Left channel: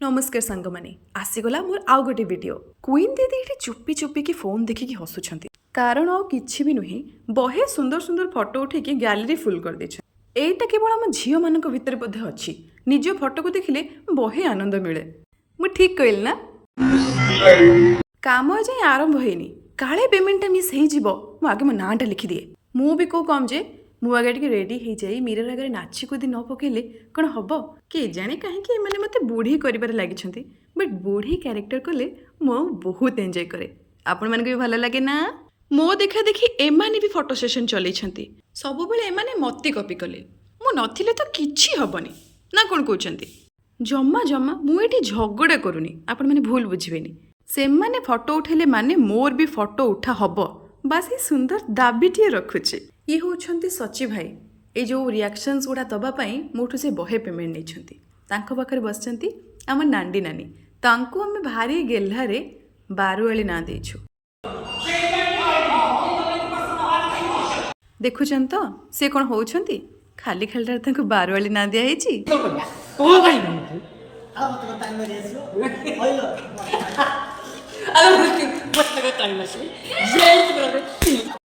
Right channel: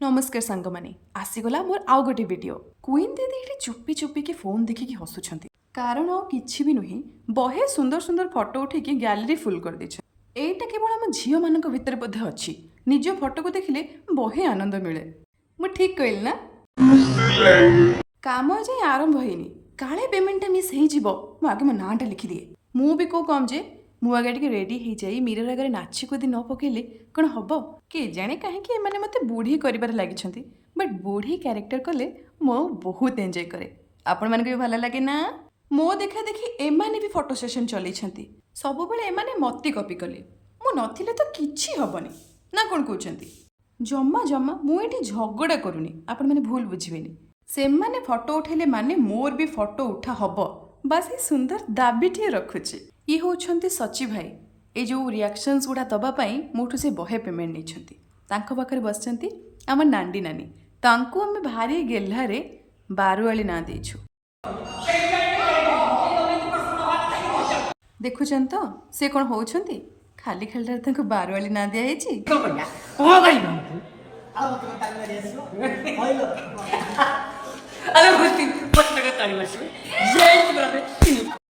नमस्कार सांग मैंने आसीगला मोर आउ गोटे वीडियो क्वीन दीदी ये चुपी चुपी की फोन देखिकी हसुंट कारण आ कि भी नुहे बहे सुंदर सुंदर फोटो उठे गैलेरी फुल कर देछ। एटा केवल आम झील मान भितर बोधे अच्छी निज फोटो को देखिले बहे आनंद मिले। मु ठीक कहली ना? काम जाए आरंभ होनी काले पेमेंटा मिस हो आगे मो नाटा लिखिदिए मु भी कौ कम जे मु आगे टे रेडी हो जाए मिरर आगे नाची कूदी न पकेले कौन हम किए जाने कहीं मत बुढ़ी कर लगी बट बुढ़ी क्यारेक्टर कले मो बहुत एंजॉय करे। आपण मानक भी भल लगे ना? मो देखा देखी एमाने भी फोटो सेशन चलई सब बेले एमाने मती कॉपी कले मु नथिले तो किछि हबनी ना कौन कहते जमा जमा मुझे झगड़ा करूनी आपण मैंने भूल बुझेनि से माने फोटो उठेले माने मोर भी फोटो उठा हब बास ये सुंदर दाबीटे रखुचे। ये होउछंती सची भाई ये जो रिएक्शंस गुड़ा दबापाई मोठू से बहे पेमेंट नहीं पाखे बसचंती आम नांडी नानी तांको आम भारी गेल्हारे बारुआली ना देछु। देखुचन तो से कौन होउछंती खाली खाली तांको बारुआली ना दिया हेची।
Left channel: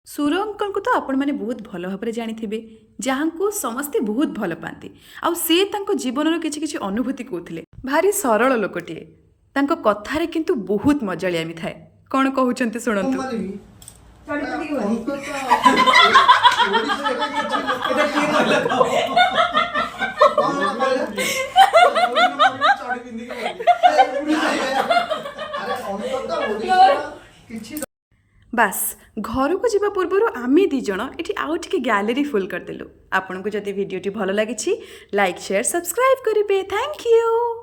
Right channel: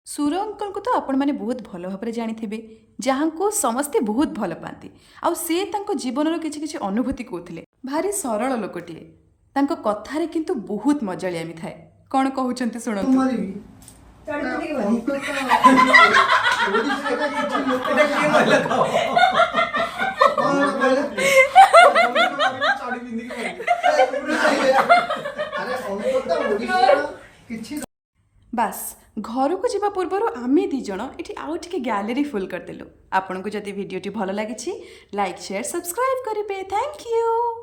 सुर अंकल को तो आपण मैंने बहुत भल भाव जानी जहाँ को समस्ते बहुत भल पाती आउ सी जीवन किसी किसी अनुभूति कहते भारी सरल लोकटे तांको कथारे किंतु बहुत मजालियामी थाए। कौन कहते शुणु बास घर को जीवा पूर्वर आमे दी जण एठी आउ टिके गैलेरी फुल करदेलु। आपन को जदि वीडियोटी भल लागिछि लाइक शेयर सब्सक्राइब करिवे। Thank you.